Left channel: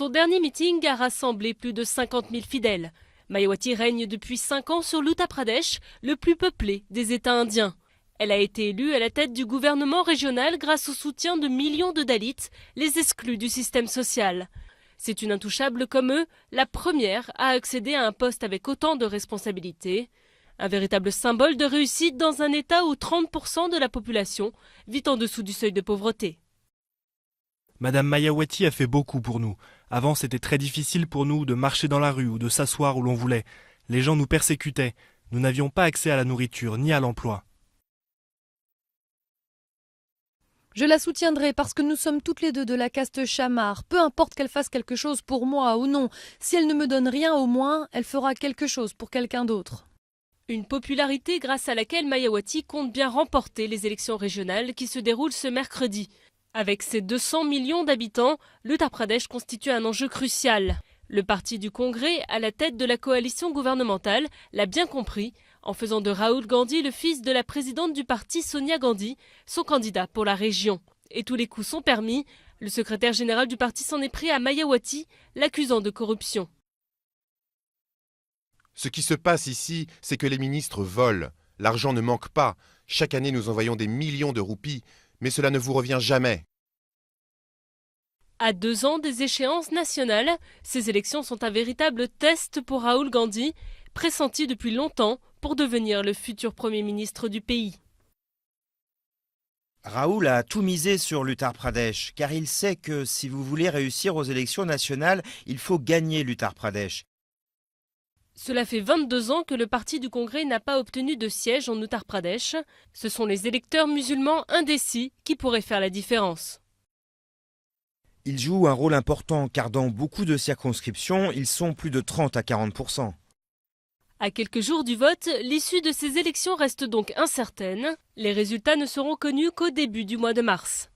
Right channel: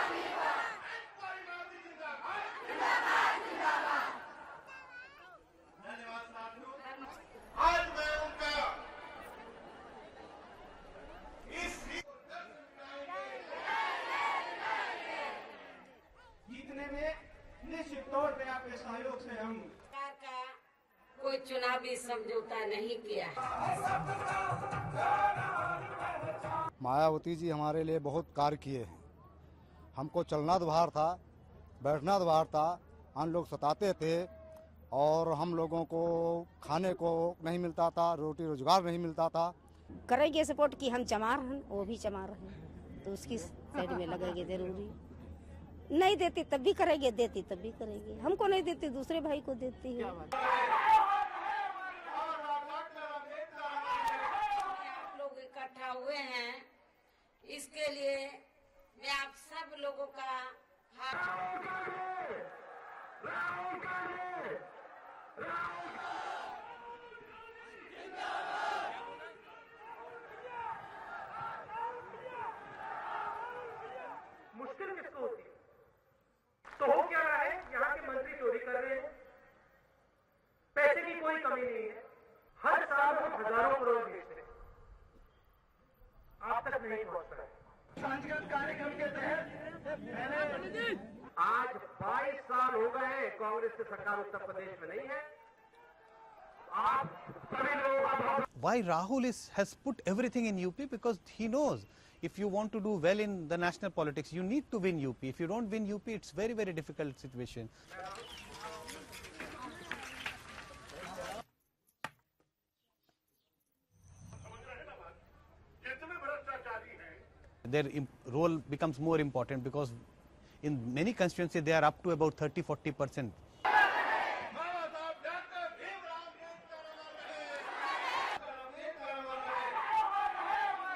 Son dernier meeting a rassemblé plus de 50 000 fidèles. Mayawati règne depuis 5 ans sur l'Uttar Pradesh, le plus peuplé des États indiens. Elle a été élue à la tête du gouvernement régional grâce au soutien de millions de Dalits, les exclus du système social. C'est une intouchable comme eux, la première à accéder à un poste avec autant de responsabilités. Un véritable symbole de réussite dans un État où 30% de la population vit en dessous du seuil de pauvreté. Madame Mayawati a fait beaucoup pour nous. Avant, c'était très difficile pour nous de marcher dans la rue ou de s'asseoir où l'on voulait. Les gens nous persécutaient. Nous n'avions pas accès à la nourriture ni à l'emploi. Je la soutiendrai parce que nous sommes toutes les deux de la caste chamar. Peu importe qu'elle fasse quelque chose pour moi ou non. Si elle ne me donne rien, au moins, elle fera quelque chose pour quelqu'un d'autre. Une popularité grâce à laquelle Mayawati compte bien remporter les élections régionales qui se déroulent ce mercredi. Avec ses 200 millions d'habitants, l'Uttar Pradesh constitue un enjeu crucial. Le parti du Congrès, à la tête de la coalition gouvernementale, l'a bien compris en faisant de Rahul Gandhi, le fils de la présidente du parti Sonia Gandhi, son candidat pour la région. Et tous les coups sont permis. Le secrétaire général du parti s'en est pris à Mayawati, l'accusant de corruption. Ce qui se passe ici, c'est que les ministres volent. L'argent ne manque pas. Chaque année, nous envoyons des millions de roupies, mais cela ne vous revient jamais. À 2 ans des échéances nationales, ces élections sont un véritable test pour Rahul Gandhi, pressenti depuis longtemps pour devenir le futur Premier ministre du pays. Rahul a tout misé sur l'Uttar Pradesh, car il sait que si vous voulez réussir aux élections nationales, il faut gagner l'Uttar Pradesh. Cela fait 22 ans que le parti du Congrès n'a pas obtenu de siège en Uttar Pradesh. Ce sont les électeurs musulmans indécis qui pourraient faire la différence. Ils jouent un rôle important, car dans beaucoup de circonscriptions, ils sont plus de 30 à 40%. À quelques jours du vote, l'issue de ces élections reste donc incertaine. Les résultats ne seront connus qu'au début du mois de mars.